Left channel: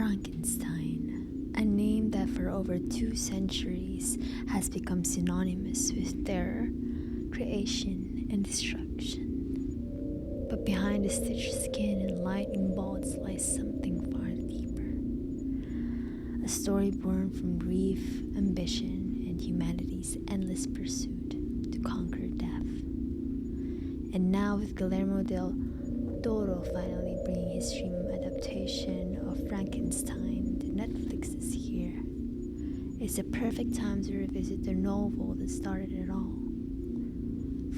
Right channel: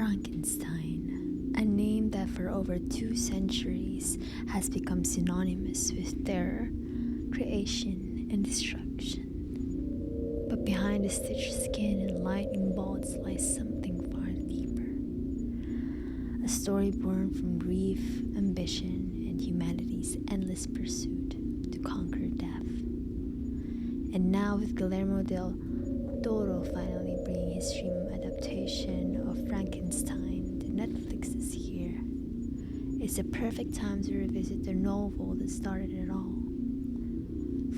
Frankenstein, a name that for over 2 centuries has become synonymous with terror, creation, and destruction. But behind the stitched skin and lightning bolts lies something far deeper. A story born from grief, ambition, and humanity's endless pursuit to conquer death. And now with Guillermo del Toro finally bringing his dream adaptation of Frankenstein to Netflix this year, it's a perfect time to revisit the novel that started it all.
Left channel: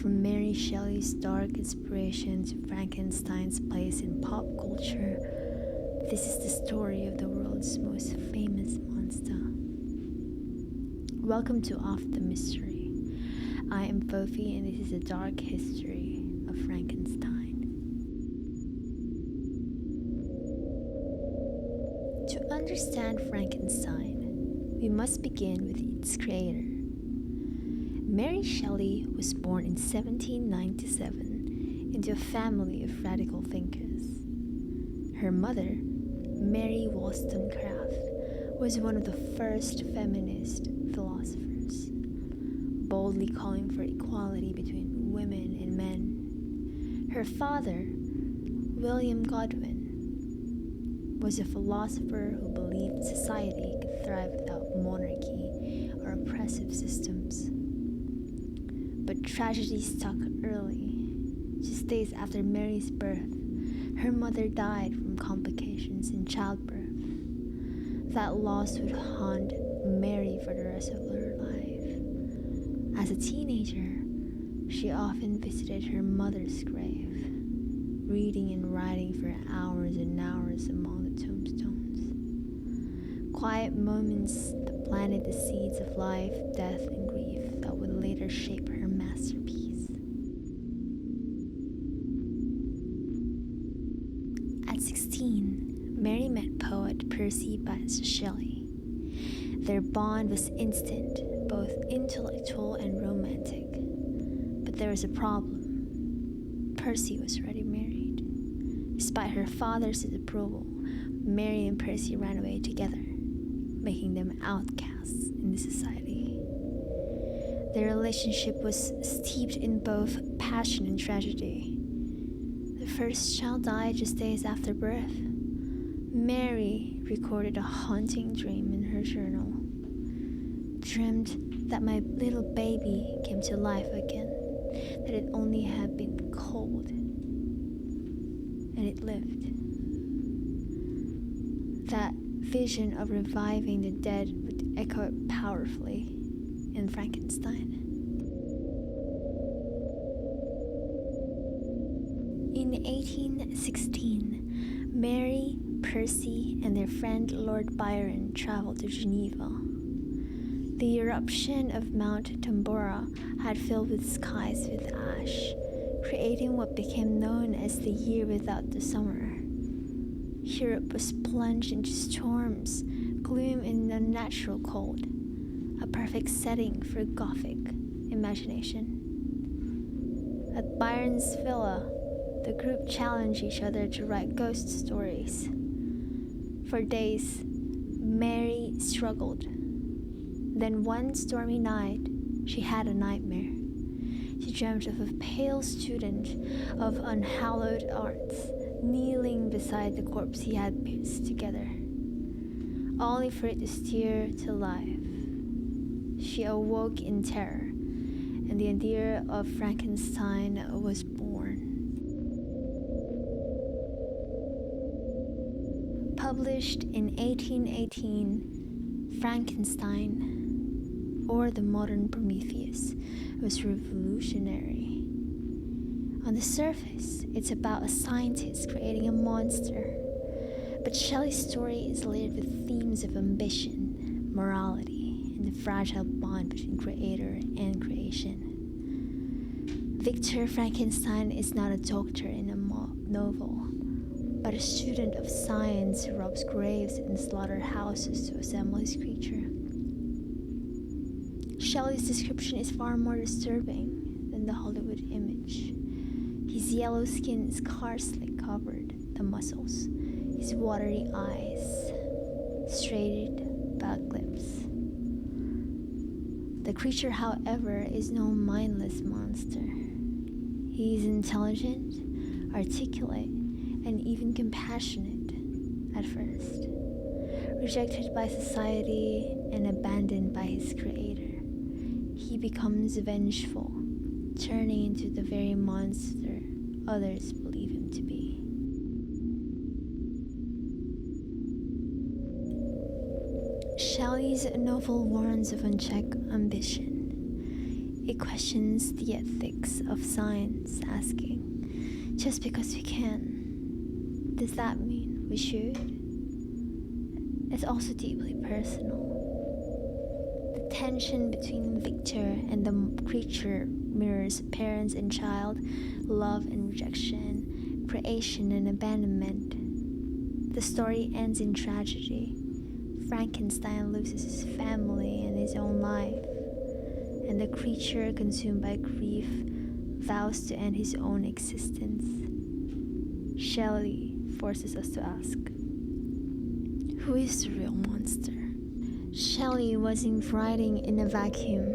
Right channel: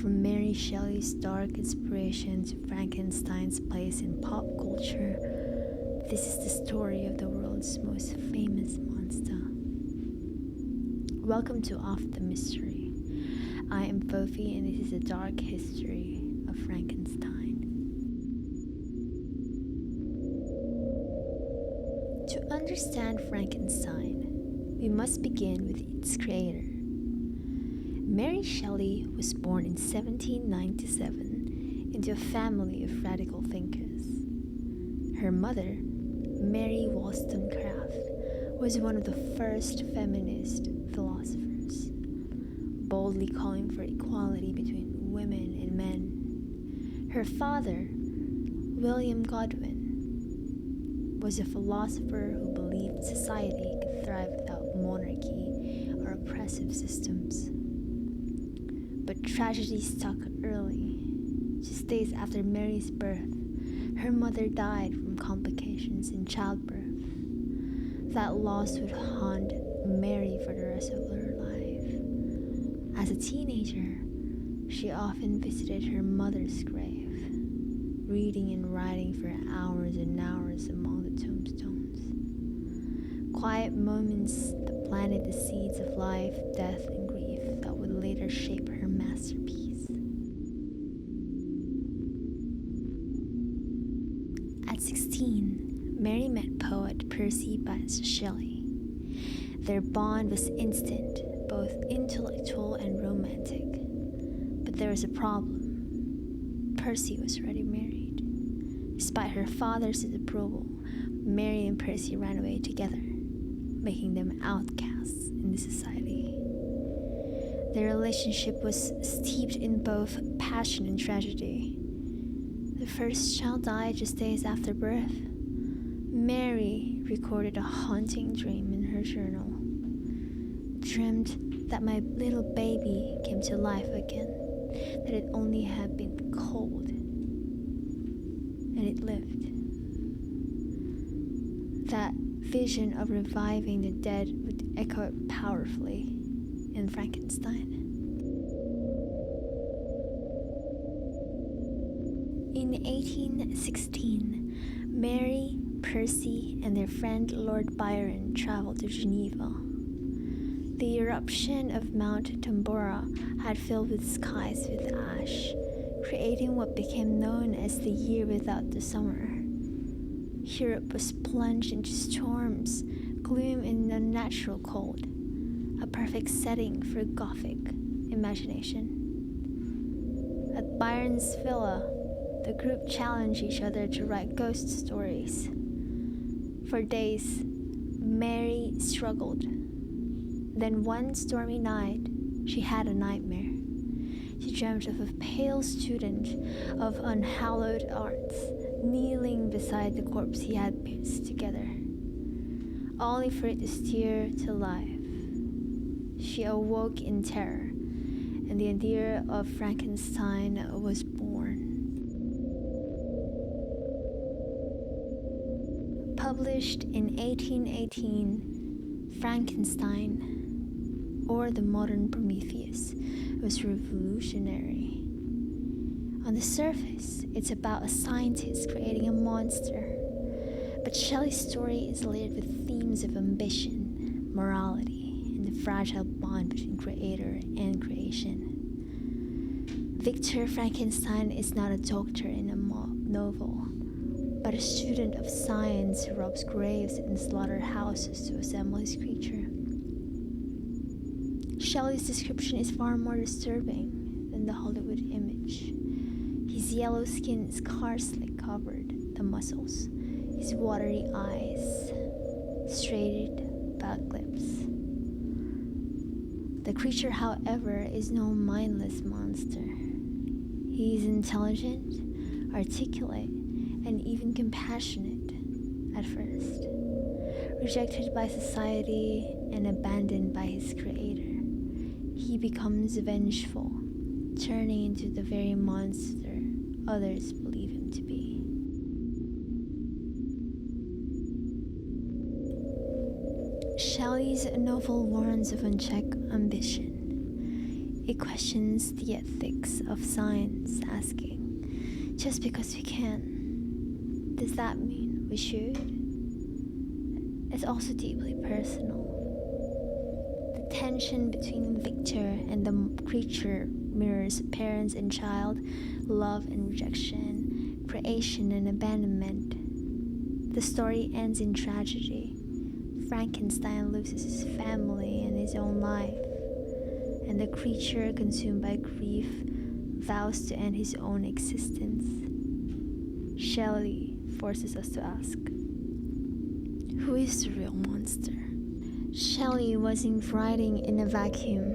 From Mary Shelley's dark inspiration to Frankenstein's place in pop culture, this is the story of the world's most famous monster. Welcome to Off the Mystery. I am Fofi and this is a dark history of Frankenstein. To understand Frankenstein, we must begin with its creator. Mary Shelley was born in 1797 into a family of radical thinkers. Her mother, Mary Wollstonecraft, was one of the first feminist philosophers, boldly calling for equality between women and men. Her father, William Godwin, was a philosopher who believed society could thrive without monarchy or oppressive systems. But tragedy struck early. Just days after Mary's birth, her mother died from complications in childbirth. That loss would haunt Mary for the rest of her life. As a teenager, she often visited her mother's grave, reading and writing for hours and hours among the tombstones. Quiet moments that planted the seeds of life, death, and grief that would later shape her masterpiece. At 16, Mary met poet Percy Bysshe Shelley. Their bond was instant, both intellectual and romantic. But there was a problem. Percy was already married. Despite her father's disapproval, Mary and Percy ran away together, making them outcasts in the society. Their relationship was steeped in both passion and tragedy. The first child died just days after birth. Mary recorded a haunting dream in her journal. Dreamed that my little baby came to life again, that it only had been cold, and it lived. That vision of reviving the dead would echo powerfully in Frankenstein. In 1816, Mary, Percy, and their friend Lord Byron traveled to Geneva. The eruption of Mount Tambora had filled the skies with ash, creating what became known as the year without the summer. Europe was plunged into storms, gloom, and unnatural cold, a perfect setting for Gothic imagination. At Byron's villa, the group challenged each other to write ghost stories. For days, Mary struggled. Then one stormy night, she had a nightmare. She dreamt of a pale student of unhallowed arts kneeling beside the corpse he had pieced together, only for it to stir to life. She awoke in terror, and the idea of Frankenstein was born. Published in 1818, Frankenstein, or the modern Prometheus, was revolutionary. On the surface, it's about a scientist creating a monster, but Shelley's story is layered with themes of ambition, morality, and the fragile bond between creator and creation. Victor Frankenstein is not a doctor in a novel, but a student of science who robs graves and slaughterhouses to assemble his creature. Shelley's description is far more disturbing than the Hollywood image. His yellow skin is scarcely covered the muscles, his watery eyes, straight back lips. The creature, however, is no mindless monster. He is intelligent, articulate, and even compassionate at first. Rejected by society and abandoned by his creator, he becomes vengeful, turning into the very monster others believe him to be. Shelley's novel warns of unchecked ambition. It questions the ethics of science, asking, just because we can, does that mean we should? It's also deeply personal. The tension between Victor and the creature mirrors parents and child, love and rejection, creation and abandonment. The story ends in tragedy. Frankenstein loses his family and his own life, and the creature, consumed by grief, vows to end his own existence. Shelley forces us to ask, who is the real monster? Shelley wasn't writing in a vacuum.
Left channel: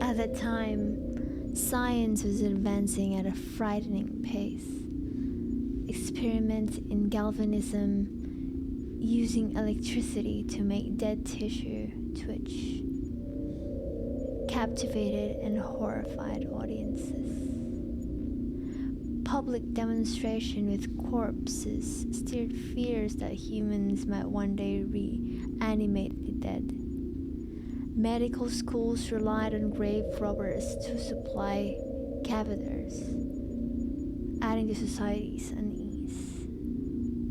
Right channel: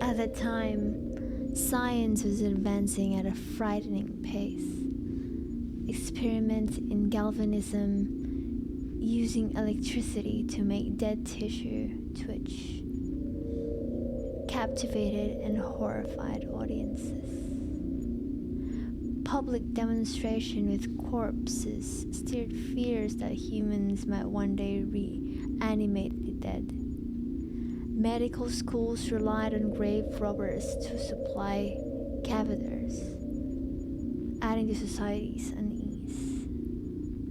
At that time, science was advancing at a frightening pace. Experiments in galvanism, using electricity to make dead tissue twitch, captivated and horrified audiences. Public demonstration with corpses stirred fears that humans might one day reanimate the dead. Medical schools relied on grave robbers to supply cadavers, adding to society's unease.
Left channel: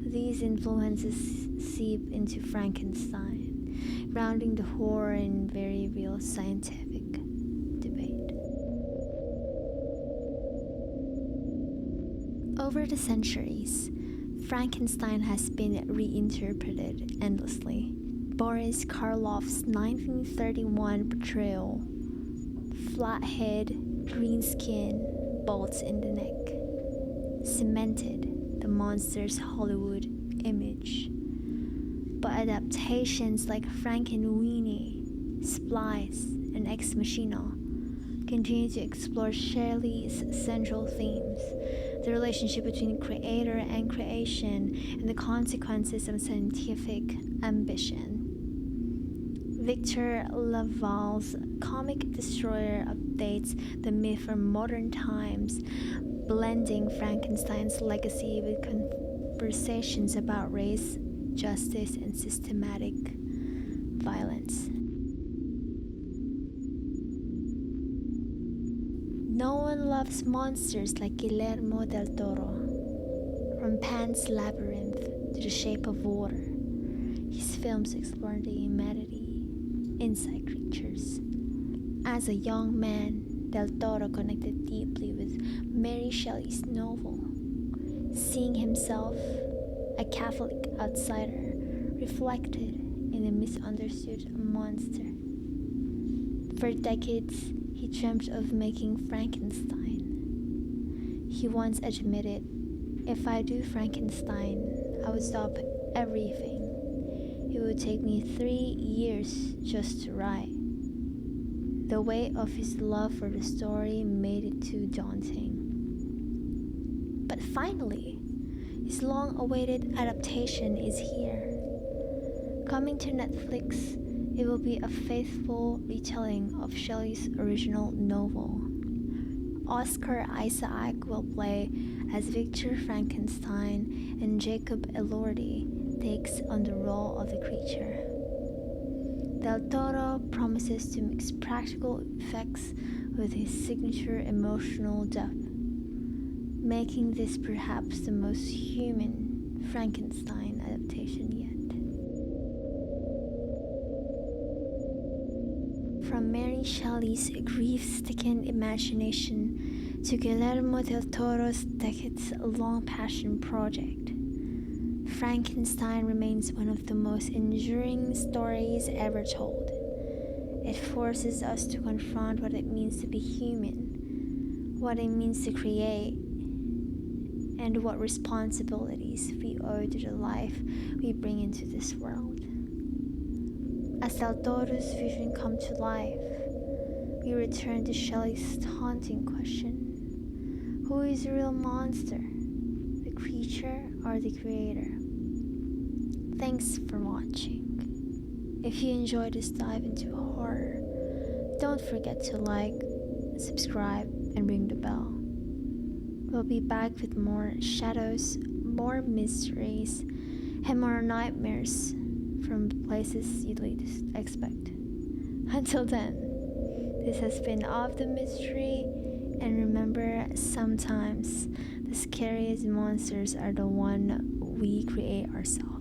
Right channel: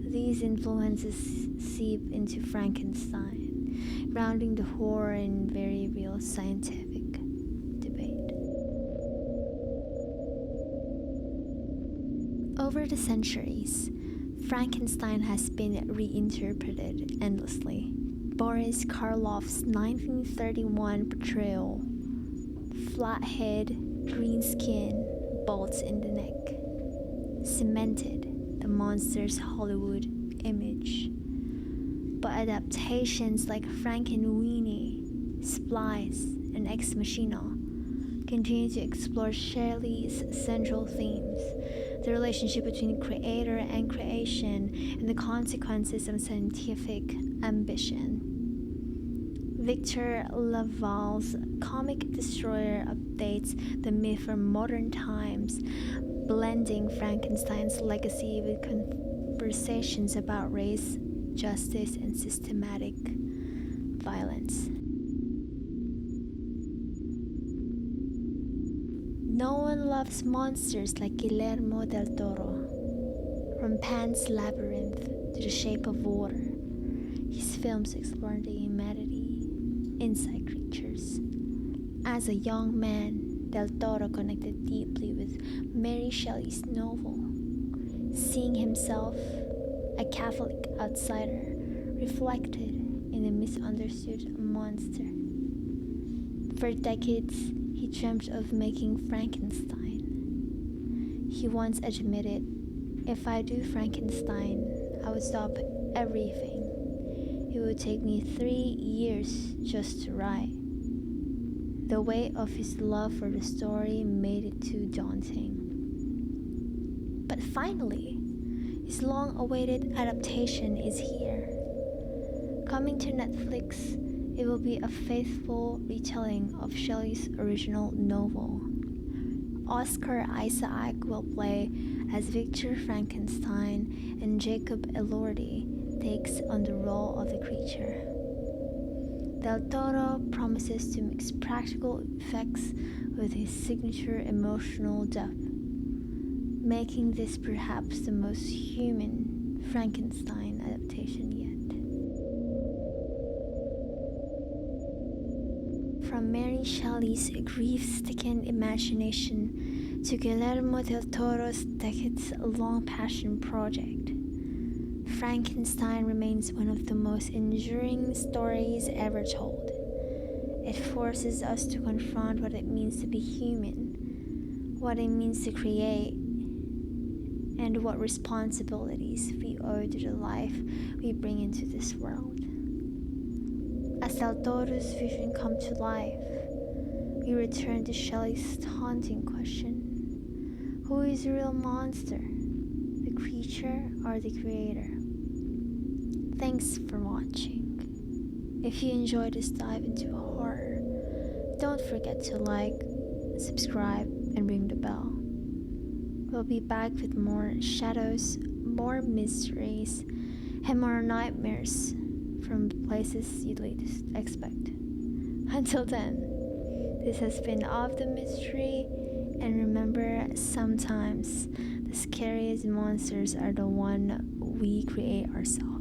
These influences seep into Frankenstein, grounding the horror in very real scientific debate. Over the centuries, Frankenstein has been reinterpreted endlessly. Boris Karloff's 1931 portrayal, flat head, green skin, bolts in the neck, cemented the monster's Hollywood image. But adaptations like Frankenweenie, Splice, and Ex Machina continue to explore Shelley's central themes, the relationship between creator and creation, and the consequences of scientific ambition. Victor Laval's Comic Destroyer updates the myth for modern times, blending Frankenstein's legacy with conversations about race, justice, and systematic violence. No one loves monsters like Guillermo del Toro. From Pan's Labyrinth to The Shape of Water, his films explore the humanity inside creatures. As a young man, Del Toro connected deeply with Mary Shelley's novel, seeing himself, a Catholic outsider, reflected in a misunderstood monster. For decades, he dreamt of making Frankenstein. He once admitted, "If I do Frankenstein, I would stop everything. It would take me 3 years just to write." The weight of his love for the story made it too daunting. But finally, his long-awaited adaptation is here. Coming to Netflix, it will be a faithful retelling of Shelley's original novel. Oscar Isaac will play as Victor Frankenstein, and Jacob Elordi takes on the role of the creature. Del Toro promises to mix practical effects with his signature emotional depth, making this perhaps the most human Frankenstein adaptation yet. From Mary Shelley's grief-stricken imagination to Guillermo del Toro's decades-long passion project, Frankenstein remains one of the most enduring stories ever told. It forces us to confront what it means to be human, what it means to create, and what responsibilities we owe to the life we bring into this world. As Del Toro's vision come to life, we return to Shelley's haunting question: who is the real monster? The creature or the creator? Thanks for watching. If you enjoyed this dive into horror, don't forget to like, subscribe, and ring the bell. We'll be back with more shadows, more mysteries, and more nightmares from places you least expect. Until then, this has been Of the Mystery, and remember, sometimes the scariest monsters are the one we create ourselves.